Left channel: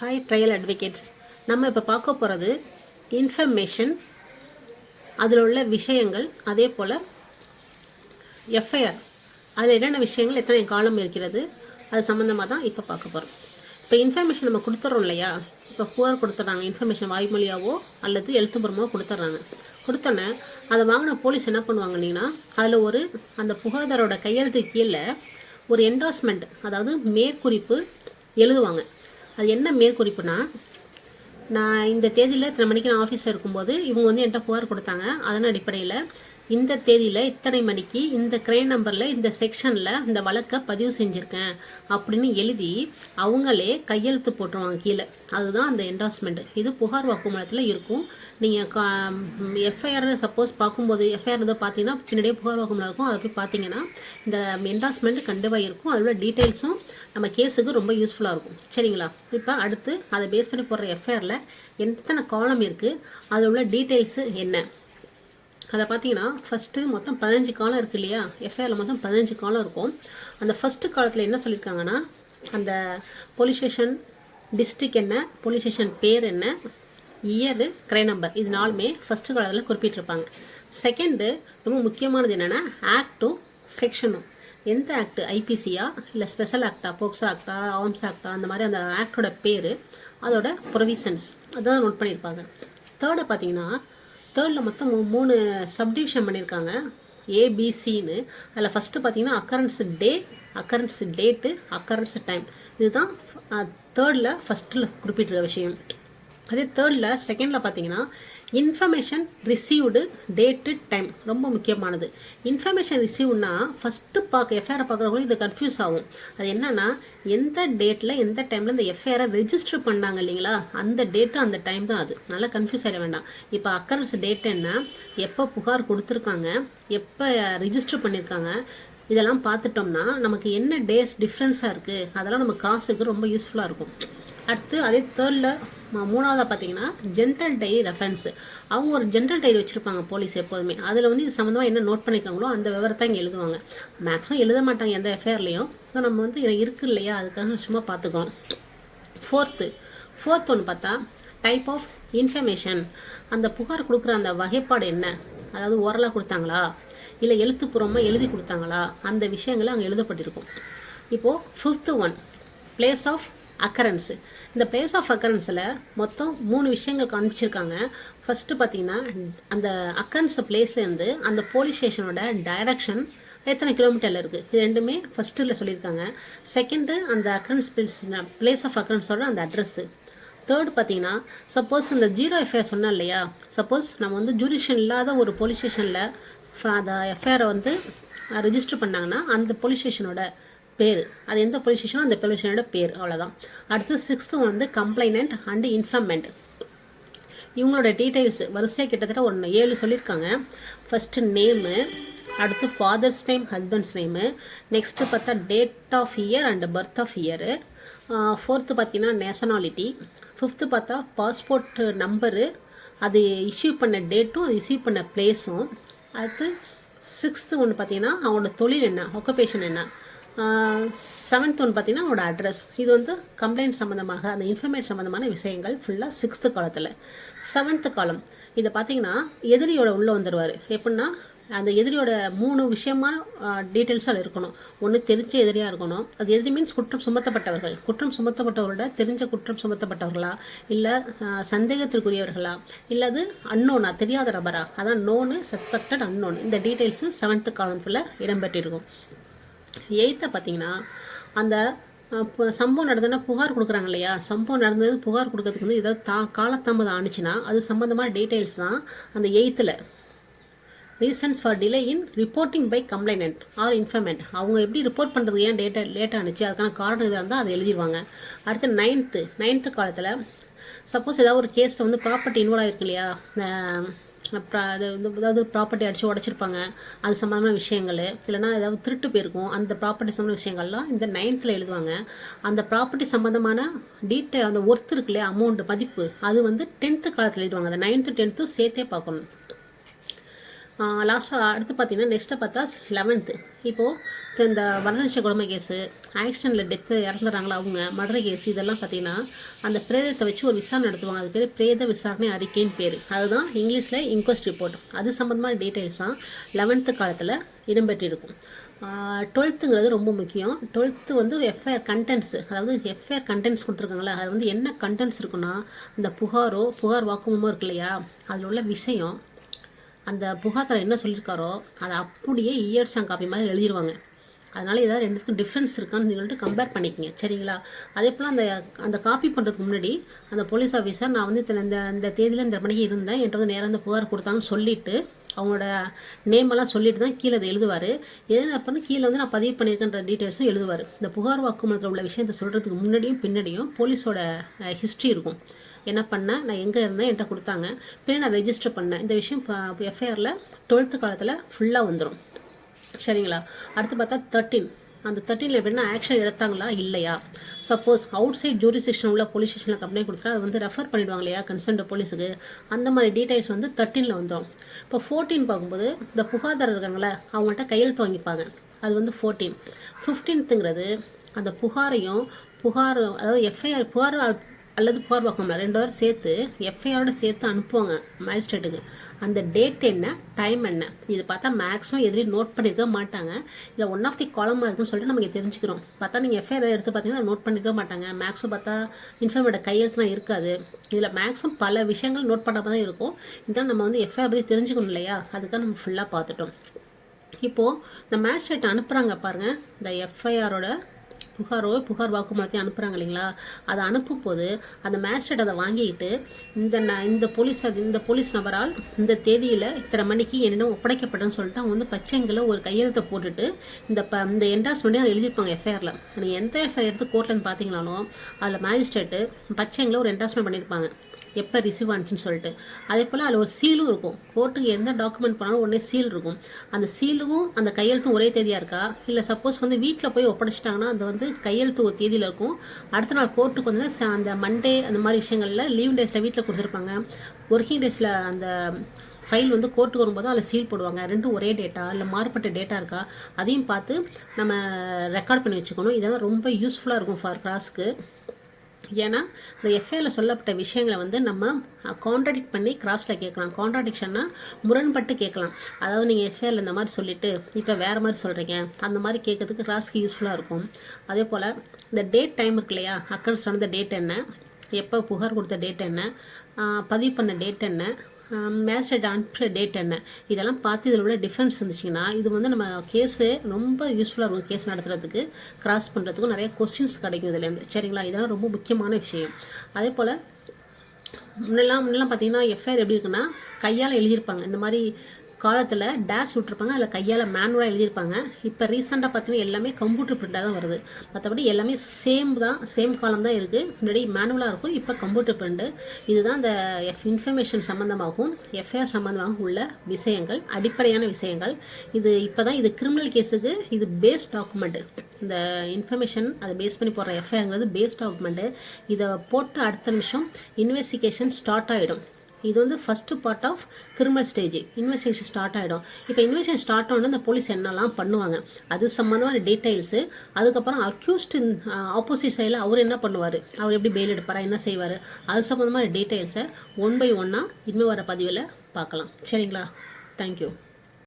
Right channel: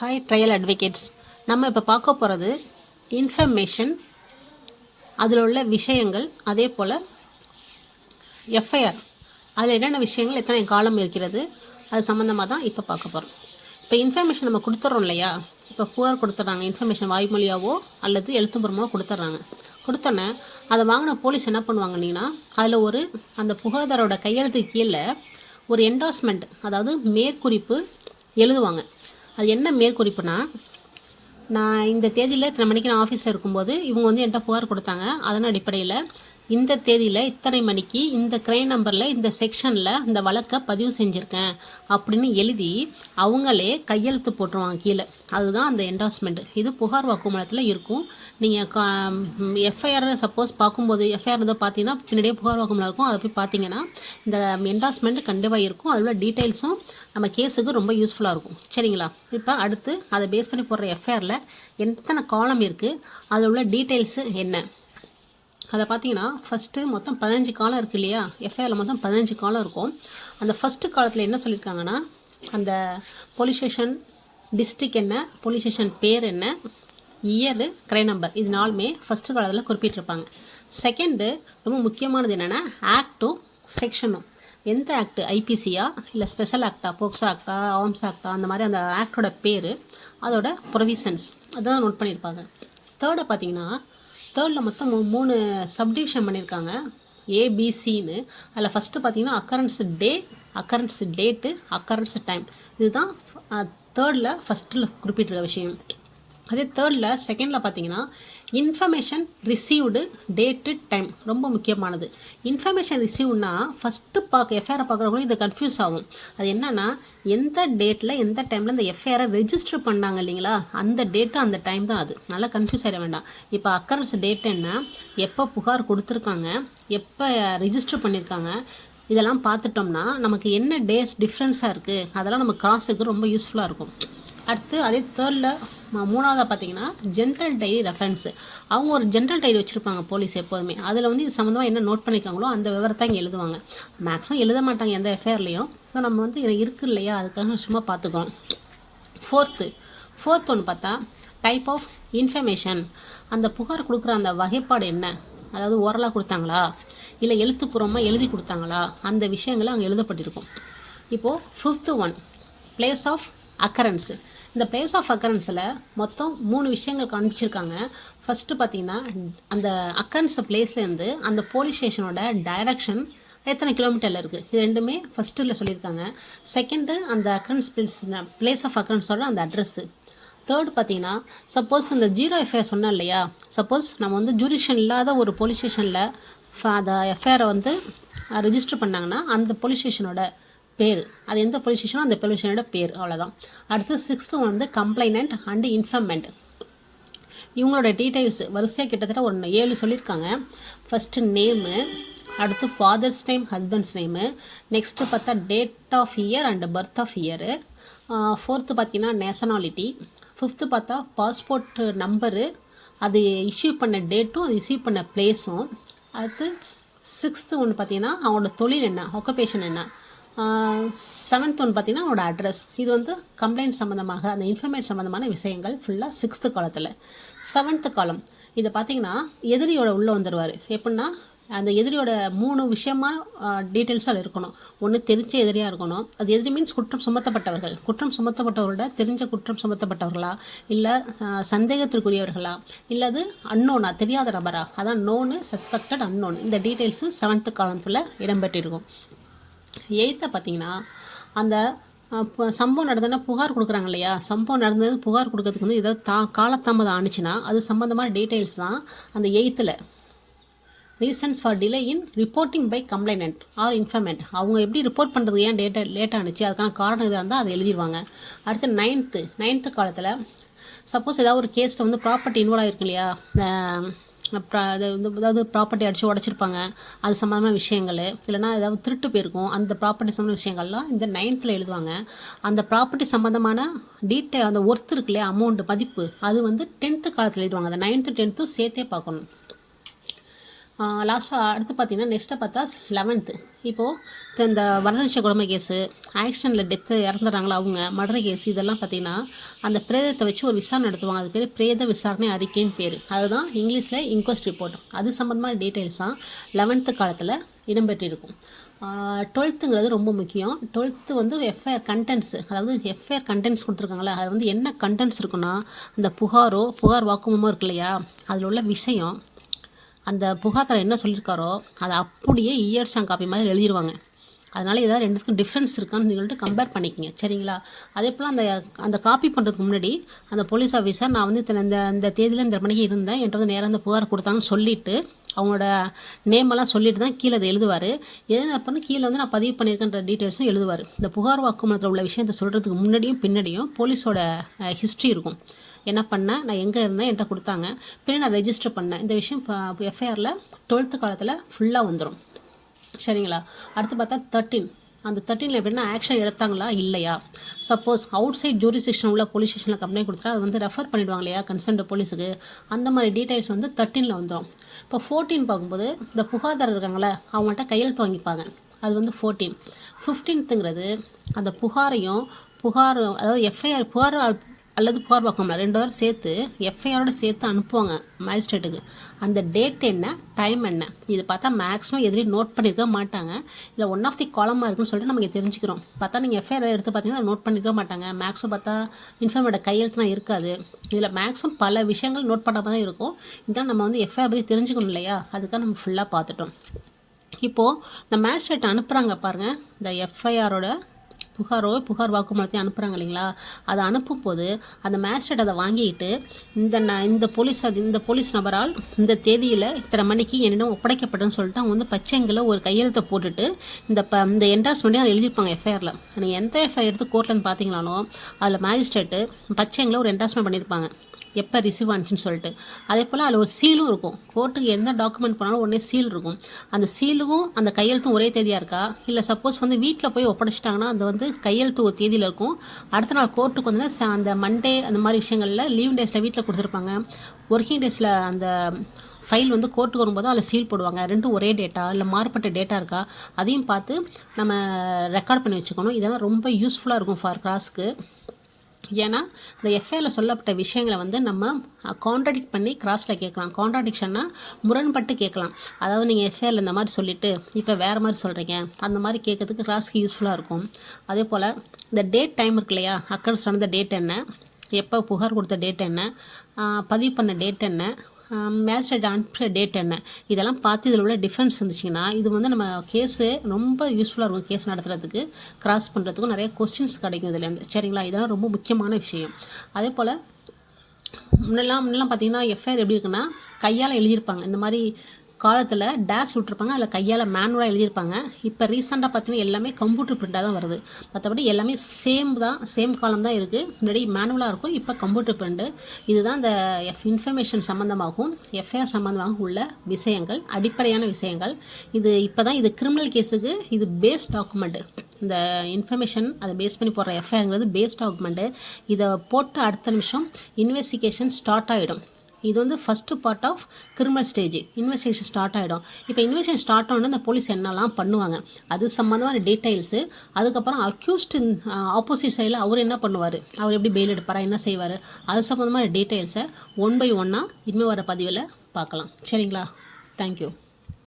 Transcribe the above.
Hi trial advocates. நம்ம இப்போ பார்க்க போகிறது இன்ஃபர்மேஷன், அதில் உள்ள விஷயங்கள், அதே போல் எஃப்ஐஆர் அதில் என்னென்ன விஷயங்கள், எத்தனை காலம் இருக்கிறது, அது சம்மந்தமாக தான் இப்போ பார்க்க போகிறோம். இப்போ இன்ஃபர்மேஷன் நம்ம கொடுத்துட்றோம் இல்லையா, இப்போ புகார் கொடுத்துட்றாங்க, இன்ஃபர்மேஷன் வாய்மொழியாவோ அல்லது எழுத்துப்பூர்வமாக கொடுத்துட்றாங்க. கொடுத்தோன்னே அதை வாங்கின போலீஸ் என்ன பண்ணுவாங்கன்னா, அதில் அந்த புகார்தாரோட கையெழுத்துக்கு கீழே ஒரு என்டாஸ்மெண்ட், அதாவது மேற்குறிப்பு எழுதுவாங்க. அது என்ன மேற்குறிப்புனா, நான் இந்த தேதியில் இத்தனை மணிக்கு நான் ஆஃபீஸில் இருக்கும்போது இவங்க என்கிட்ட புகார் கொடுத்தாங்க, அதன் அடிப்படையில் இந்த தேதியில் இத்தனை மணிக்கு இந்த கிரைம் நம்பரில் இந்த செக்ஷனில் இந்த வழக்கை பதிவு செஞ்சுருக்கேன் அப்படின்னு எழுதி அவங்களே கையெழுத்து போட்டுருவாங்க கீழே. அதுதான் அந்த என்டாஸ்மெண்ட். இது புகார் வாக்குமூலத்தில் இருக்கும். நீங்கள் எஃப்ஐஆர் சப்போஸ் பார்க்கும்போது எஃப்ஐஆர் ஏதோ பார்த்தீங்கன்னா பின்னாடியே புகார் வாக்குமூலம் இருக்கும், அதை போய் பார்த்தீங்கன்னா இந்த என்டாஸ்மெண்ட் கண்டிப்பாக இருக்கும். அதில் உள்ள டீட்டெயில்ஸும் நம்ம கேஸுக்கு ரொம்ப யூஸ்ஃபுல்லாக இருக்கும். சரிங்களா? இப்போ அடுத்து அதை பேஸ் பண்ணி போடுற எஃப்ஐஆரில் எத்தனை காலம் இருக்குது, அதில் உள்ள டீட்டெயில்ஸு என்ன, அதை பார்த்தீங்கன்னா ஃபஸ்ட்டு மொத்தம் 15 காலம் இருக்குது இல்லையா. எஃப்ஐஆரில் மொத்தம் 15 காலம் இருக்கும். அந்த ஃபஸ்ட்டு காலத்தில் என்ன சொல்லியிருக்காங்கன்னா, அந்த போலீஸ் ஸ்டேஷன் டிஸ்ட்ரிக் என்ன, போலீஸ் ஸ்டேஷன் பேர் என்ன, இயரு, கிரைம் நம்பர், இது நாலுமே ஃபஸ்ட்டு காலத்தில் குறிப்பிட்டிருப்பாங்க. செகண்டு ரொம்ப முக்கியமானது என்னென்னா ஆக்டும் செக்ஷனும். எந்த ஆக்ட், ஐபிசியா இல்லை ஸ்பெஷல் ஆக்டா, போக்சோ ஆக்டா, ஆர்ம்ஸ் ஆக்டா, அந்த மாதிரி அந்த ஆக்டோட பேர், அதோட ப்ரொவிஷன்ஸ் அதான் நோட் பண்ணியிருப்பாங்க. தேர்டை பார்த்தீங்கன்னா, தேர்டில் மொத்தம் 3 சப்டிவிஷன் பண்ணியிருக்காங்க, ஏபிசின்னு. அதில் ஃபஸ்ட்டு பார்த்தீங்கன்னா அக்கரன்ஸ் டே, அக்கரன்ஸ் டேட்டு, அக்கரன்ஸ் டைம். இதுதான் தேர்டில் ஃபஸ்ட்டில் குறிப்பிட்ட விஷயம். அதே தேர்டில் செகண்டில் பார்த்தீங்கன்னா இன்ஃபர்மேஷன் ரிசீவ்டு, டேட்டு, டைம் ரொம்ப முக்கியமானது. இன்ஃபர்மேஷன் ரிசீவ்னா ஃபஸ்ட்டு எஃப்ஐஆரை பார்க்குறவங்களும் இது கன்ஃபியூஸ் ஆகும். அது என்னென்னா, எந்த டேட்டில் எந்த டைமில் இந்த எஃப்ஐஆரை ரெஜிஸ்டர் பண்ணாங்க இல்லைங்களா, அந்த டேட்டு அந்த டைம் தான். அது நல்லா கன்ஃபியூஸ் ஆகிட வேண்டாம். இப்போ அக்கரன்ஸ் டேட் என்ன, எப்போ புகார் கொடுத்துருக்காங்க, எப்போ ரெஜிஸ்டர் பண்ணியிருக்காங்க, இதெல்லாம் பார்த்துட்டோம்னா நமக்கு என்ன டேஸ் டிஃப்ரென்ஸாக இருக்குது, அதெல்லாம் நம்ம காசுக்கு ரொம்ப யூஸ்ஃபுல்லாக இருக்கும். அடுத்து அதே தேர்டில் மூணாவதாக பார்த்தீங்கன்னா ஜென்ரல் டைரி ரெஃபரன்ஸு. அவங்க ஒரு ஜென்ரல் டைரி வச்சுருப்பாங்க போலீஸ் எப்போதுமே. அதில் இது சம்மந்தமாக என்ன நோட் பண்ணியிருக்காங்களோ அந்த விவரத்தை இங்கே எழுதுவாங்க. மேக்ஸிமம் எழுத மாட்டாங்க எந்த எஃப்ஐஆர்லேயும். ஸோ நம்ம இருக்குது இல்லையா, அதுக்காக சும்மா பார்த்துக்கோம். ஃபோர்த் ஒன்று பார்த்தா டைப் ஆஃப் இன்ஃபர்மேஷன். அந்த புகார் கொடுக்குற அந்த வகைப்பாடு என்ன, அதாவது ஓரலாக கொடுத்தாங்களா இல்லை எழுத்துப்பூர்வமாக எழுதி கொடுத்தாங்களா, அந்த விஷயங்களை அங்கே எழுதப்பட்டிருக்கும். இப்போது 5th ஒன் பிளேஸ் ஆஃப் அக்கரன்ஸு. இந்த பிளேஸ் ஆஃப் அக்கரன்ஸில் மொத்தம் 3 விஷயங்கள் காமிச்சிருக்காங்க. ஃபஸ்ட்டு பார்த்தீங்கன்னா அந்த அக்கரன்ஸ் பிளேஸ்லேருந்து அந்த போலீஸ் ஸ்டேஷனோட டைரக்ஷன் எத்தனை கிலோமீட்டரில் இருக்குது, இது ரெண்டுமே ஃபஸ்ட்டில் சொல்லியிருக்காங்க. செகண்டு அந்த அக்கரன்ஸ் பிளேஸ் ஆஃப் அக்கரன்ஸோட அந்த அட்ரஸ்ஸு. தேர்டு பார்த்தீங்கன்னா சப்போஸ் இந்த 0 எஃப்ஐஆர் சொன்னோம் இல்லையா, சப்போஸ் நம்ம ஜூரிஷன் இல்லாத ஒரு போலீஸ் ஸ்டேஷனில் அந்த எஃப்ஐஆரை ரெஜிஸ்டர் பண்ணாங்கன்னா அந்த போலீஸ் ஸ்டேஷனோட பேர், அது எந்த போலீஸ் ஸ்டேஷனோ அந்த போலீஸ் ஸ்டேஷனோட பேர், அவ்வளோதான். அடுத்து 6th one complainant and informant. இவங்களோட டீட்டெயில்ஸ் வரிசையாக கிட்டத்தட்ட ஒரு 7 சொல்லியிருக்காங்க. ஃபஸ்ட்டு நேமு, அடுத்து father's name, husband's name, next பார்த்தா date of year and birth of year, 4th பார்த்தீங்கன்னா நேஷனாலிட்டி, 5th பார்த்தா பாஸ்போர்ட் நம்பரு, அது இஷ்யூ பண்ண டேட்டும் அது இஷ்யூ பண்ண பிளேஸும். அடுத்து 6th ஒன்று பார்த்தீங்கன்னா அவங்களோட தொழில் என்ன, ஆக்குபேஷன் என்ன. 7th ஒன்று பார்த்தீங்கன்னா அவனோட அட்ரஸ். இது கம்ப்ளைண்ட் சம்மந்தமாக அந்த இன்ஃபர்மேஷன் சம்மந்தமான விஷயங்கள் ஃபுல்லாக 6th காலத்தில். 7th காலம் இதை பார்த்தீங்கன்னா எதிரியோட உள்ளே வந்துடுவார். எப்படின்னா அந்த எதிரியோட 3 விஷயமான டீட்டெயில்ஸாக இருக்கணும். ஒன்று தெரிஞ்ச எதிரியாக இருக்கணும். அது எதிரி மீன்ஸ் குற்றம் சுமத்தப்பட்டவர்கள், குற்றம் சுமத்தப்பட்டவர்களோட தெரிஞ்ச குற்றம் சுமத்தப்பட்டவர்களா, இல்லை சந்தேகத்திற்குரியவர்களா, இல்லது அன்னோனா தெரியாத நபரா, அதான் நோனு, சஸ்பெக்டட், அன்னோன். இந்த டீட்டெயில்ஸு 7th காலத்தில் இடம்பெற்றிருக்கும். 8th பார்த்தீங்கன்னா அந்த சம்பவம் நடந்ததுன்னா புகார் கொடுக்குறாங்க இல்லையா, சம்பவம் நடந்தது புகார் கொடுக்கறதுக்கு ஏதாவது காலதாமதம் ஆணுச்சுன்னா அது சம்மந்தமான டீட்டெயில்ஸ் தான் அந்த 8th. Reasons for delay in reporting by complainant or informant. அவங்க எப்படி ரிப்போர்ட் பண்ணுறது, ஏன் லேட் ஆணுச்சு, அதுக்கான காரணம் இதாக இருந்தால் அதை எழுதிடுவாங்க. அடுத்து 9th காலத்தில் சப்போஸ் ஏதாவது ஒரு கேஸில் ப்ராப்பர்ட்டி இன்வால்வ் ஆகிருக்கு இல்லையா, ஏதாவது ப்ராப்பர்ட்டி அடித்து உடச்சிருப்பாங்க, அது சம்மந்தமான விஷயங்கள், இல்லைனா ஏதாவது திருட்டு போயிருக்கும், அந்த ப்ராப்பர்ட்டி சம்மந்த விஷயங்கள்லாம் இந்த 9th எழுதுவாங்க. அந்த ப்ராப்பர்ட்டி சம்மந்தமான டீட்டெயில், அந்த ஒர்த் இருக்கு இல்லையா, அமௌண்ட் மதிப்பு, அது 10th காலத்தில் எழுதுவாங்க. அந்த 9th 10th சேர்த்தே பார்க்கணும். லாஸ்ட்டாக அடுத்து பார்த்தீங்கன்னா நெக்ஸ்ட்டை பார்த்தா 11th. இப்போது இந்த வரதட்சணை கொடுமை கேஸு, ஆக்சிடெண்ட்டில் டெத்து இறந்துடுறாங்களா அவங்க, மர்டர் கேஸ், இதெல்லாம் பார்த்திங்கன்னா அந்த பிரேதத்தை வச்சு ஒரு விசாரணை நடத்துவாங்க. அது பேர் பிரேத விசாரணை அறிக்கைன்னு பேர். அதுதான் இங்கிலீஷில் இன்கொஸ்ட் ரிப்போர்ட். அது சம்மந்தமான டீட்டெயில்ஸ் தான் 11th காலத்தில் இடம்பெற்றிருக்கும். 12ங்கிறது ரொம்ப முக்கியம். 12th வந்து எஃப்ஐஆர் கண்டென்ட்ஸ், அதாவது எஃப்ஐஆர் கண்டென்ட்ஸ் கொடுத்துருக்காங்களா, அது வந்து என்ன கண்டென்ட்ஸ் இருக்குன்னா, அந்த புகார் வாக்குமூலமோ இருக்கு இல்லையா, அதில் உள்ள விஷயம், அந்த புகார்தாரர் என்ன சொல்லியிருக்காரோ அதை அப்படியே இயர்ஸாங் காப்பி மாதிரி எழுதிடுவாங்க. அதனால் ஏதாவது ரெண்டுத்துக்கும் டிஃப்ரென்ஸ் இருக்கான்னு சொல்லிட்டு கம்பேர் பண்ணிக்கங்க, சரிங்களா? அதே போல் அந்த காப்பி பண்ணுறதுக்கு முன்னாடி அந்த போலீஸ் ஆஃபீஸர் நான் வந்து இந்த தேதியில் இந்த மணிக்கு இருந்தேன், என்கிட்ட வந்து நேரம் இந்த புகார் கொடுத்தாங்கன்னு சொல்லிவிட்டு அவங்களோட நேமெல்லாம் சொல்லிட்டு தான் கீழே அதை எழுதுவார். எது அப்படின்னு கீழே வந்து நான் பதிவு பண்ணியிருக்கேன்ற டீட்டெயில்ஸும் எழுதுவார். இந்த புகார் வாக்குமூலத்தில் உள்ள விஷயத்தை சொல்கிறதுக்கு முன்னாடியும் பின்னாடியும் போலீஸோட ஹிஸ்ட்ரி இருக்கும். என்ன பண்ணேன், நான் எங்கே இருந்தேன், என்கிட்ட கொடுத்தாங்க, பின்னாடி நான் ரெஜிஸ்டர் பண்ணேன், இந்த விஷயம் எஃப்ஐஆரில் 12th காலத்தில் ஃபுல்லாக வந்துடும், சரிங்களா? அடுத்து பார்த்தா 13. அந்த 13ல் எப்படின்னா ஆக்ஷன் எடுத்தாங்களா இல்லையா. சப்போஸ் அவுட் சைட் ஜூரிஸ்டிக்ஷன் உள்ள போலீஸ் ஸ்டேஷனில் கம்ப்ளைண்ட் கொடுத்தா அது வந்து ரெஃபர் பண்ணிவிடுவாங்க இல்லையா கன்சர்ன்ட் போலீஸுக்கு, அந்த மாதிரி டீட்டெயில்ஸ் வந்து 13ல் வந்துடும். இப்போ 14 பார்க்கும்போது இந்த புகார்தாரர் இருக்காங்களே அவங்கள்ட்ட கையெழுத்து வாங்கிப்பாங்க, அது வந்து 14. 15ங்கிறது அந்த புகார் அதாவது எஃப்ஐஆர் புகார் அல்லது புகார் வாக்குமூலம் 2 பேரும் சேர்த்து எஃப்ஐஆரோட சேர்த்து அனுப்புவாங்க மேஜிஸ்ட்ரேட்டுக்கு. அந்த டேட் என்ன, டைம் என்ன, இது பார்த்தா மேக்ஸிமம் எதுலேயும் நோட் பண்ணியிருக்க மாட்டாங்க. இதில் ஒன் ஆஃப் தி காலமாக இருக்குன்னு சொல்லிட்டு நமக்கு தெரிஞ்சுக்கிறோம். பார்த்தா நீங்கள் எஃப்ஐஆர் எடுத்து பார்த்தீங்கன்னா நோட் பண்ணியிருக்க மாட்டாங்க. மேக்ஸிமம் பார்த்தா இன்ஃபார்மோட கையெழுத்துலாம் இருக்காது. இதில் மேக்ஸிமம் பல விஷயங்கள் நோட் பண்ணாமல் தான் இருக்கும். இதெல்லாம் நம்ம வந்து எஃப்ஐஆர் பற்றி தெரிஞ்சுக்கணும் இல்லையா, அதுக்காக நம்ம ஃபுல்லாக பார்த்துட்டோம். இப்போது இந்த மேஜிஸ்ட்ரேட் அனுப்புகிறாங்க பாருங்கள், இந்த எஃப்ஐஆரோட புகார் வாக்குமூலத்தையும் அனுப்புகிறாங்க இல்லைங்களா, அதை அனுப்பும் போது அந்த மேஜிஸ்ட்ரேட் அதை வாங்கிட்டு இந்த போலீஸ் நபரால் இந்த தேதியில் இத்தனை மணிக்கு என்னிடம் ஒப்படைக்கப்பட்டதுன்னு சொல்லிட்டு அவங்க வந்து பச்சைங்களை ஒரு கையெழுத்தை போட்டுட்டு இந்த என்டாஸ்மெண்ட்டே அதை எழுதியிருப்பாங்க எஃப்ஐஆரில். நீங்கள் எந்த எஃப்ஐஆர் எடுத்து கோர்ட்லேருந்து பார்த்தீங்களாலும் அதில் மேஜிஸ்ட்ரேட்டு பச்சைங்களை ஒரு என்டாஸ்மெண்ட் பண்ணியிருப்பாங்க, எப்போ ரிசீவ் ஆனிச்சுன்னு சொல்லிட்டு. அதே போல் அதில் ஒரு சீலும் இருக்கும். கோர்ட்டுக்கு எந்த டாக்குமெண்ட் பண்ணாலும் உடனே சீல் இருக்கும். அந்த சீலுக்கும் அந்த கையெழுத்தும் ஒரே தேதியாக இருக்கா, இல்லை சப்போஸ் வந்து வீட்டில் போய் ஒப்படைச்சிட்டாங்கன்னா அது வந்து கையெழுத்து ஒரு தேதியில் இருக்கும், அடுத்த நாள் கோர்ட்டுக்கு வந்து அந்த மண்டே அந்த மாதிரி விஷயங்களில் லீவ் டேஸில் வீட்டில் கொடுத்துருப்பாங்க, ஒர்க்கிங் டேஸில் அந்த ஃபைல் வந்து கோர்ட்டுக்கு வரும்போது அதில் சீல் போடுவாங்க. ரெண்டும் ஒரே டேட்டா இல்லை மாறுபட்ட டேட்டா இருக்கா அதையும் பார்த்து நம்ம ரெக்கார்ட் பண்ணி வச்சுக்கணும். இதெல்லாம் ரொம்ப யூஸ்ஃபுல்லாக இருக்கும் ஃபார் கிராஸ்க்கு. ஏன்னா இந்த எஃப்ஐஆரில் சொல்லப்பட்ட விஷயங்களை வந்து நம்ம கான்ட்ராடிக்ட் பண்ணி கிராஸில் கேட்கலாம். கான்ட்ராடிக்ஷன்னா முரண்பட்டு கேட்கலாம். அதாவது நீங்கள் எஃப்ஐஆரில் இந்த மாதிரி சொல்லிவிட்டு இப்போ வேறு மாதிரி சொல்கிறீங்க, அந்த மாதிரி கேட்கறதுக்கு கிராஸ்க்கு யூஸ்ஃபுல்லாக இருக்கும். அதே போல் இந்த டேட் டைம் இருக்கு இல்லையா, அக்கர்ஸ் நடந்த டேட் என்ன, எப்போ புகார் கொடுத்த டேட் என்ன, பதிவு பண்ண டேட் என்ன, மேஜிஸ்ட்ரேட் அனுப்புகிற டேட் என்ன, இதெல்லாம் பார்த்து இதில் உள்ள டிஃப்ரென்ஸ் இருந்துச்சுன்னா இது வந்து நம்ம கேஸு ரொம்ப யூஸ்ஃபுல்லாக இருக்கும். கேஸ் நடத்துறதுக்கு கிராஸ் பண்ணுறதுக்கும் நிறைய கொஸ்டின்ஸ் கிடைக்கும் இதுலேருந்து, சரிங்களா? இதெல்லாம் ரொம்ப முக்கியமான விஷயம். அதே போல் முன்னெல்லாம் பார்த்தீங்கன்னா எஃப்ஐஆர் எப்படி இருக்குன்னா கையால் எழுதியிருப்பாங்க. இந்த மாதிரி காலத்தில் டேஷ் விட்டுருப்பாங்க, அதில் கையால் மேனுவலாக எழுதியிருப்பாங்க. இப்போ ரீசெண்டாக பார்த்தீங்கன்னா எல்லாமே கம்ப்யூட்டர் பிரிண்டாக தான் வருது. மற்றபடி எல்லாமே சேம் காலம் தான் இருக்குது. முன்னாடி மேனுவலாக இருக்கும், இப்போ கம்ப்யூட்டர் பிரிண்டு. இதுதான் இந்த இன்ஃபர்மேஷன் சம்மந்தமாகவும் எஃப்ஐஆர் சம்மந்தமாகவும் உள்ள விஷயங்கள், அடிப்படையான விஷயங்கள். இப்போ தான் இது கிரிமினல் கேஸுக்கு இது பேஸ் டாக்குமெண்ட்டு. இந்த இன்ஃபர்மேஷன் அதை பேஸ் பண்ணி போடுற எஃப்ஐஆருங்கிறது பேஸ் டாக்குமெண்ட்டு. இதை போட்டு அடுத்த நிமிஷம் இன்வெஸ்டிகேஷன் ஸ்டார்ட் ஆகிடும். இது வந்து first part of criminal stage. Investigation start ஆகிடும். இப்போ இன்வெஸ்டிகேஷன் ஸ்டார்ட் ஆனோடனே இந்த போலீஸ் என்னெல்லாம் பண்ணுவாங்க அது சம்மந்தமான டீட்டெயில்ஸு. அதுக்கப்புறம் அக்யூஸ்ட் ஆப்போசிட் சைடில் அவர் என்ன பண்ணுவார், அவர் எப்படி பெயில் எடுப்பாரா, என்ன செய்வார், அது சம்மந்தமான டீட்டெயில்ஸை 1 by 1 இனிமேல் வர பதிவில் பார்க்கலாம், சரிங்களா? தேங்க்யூ.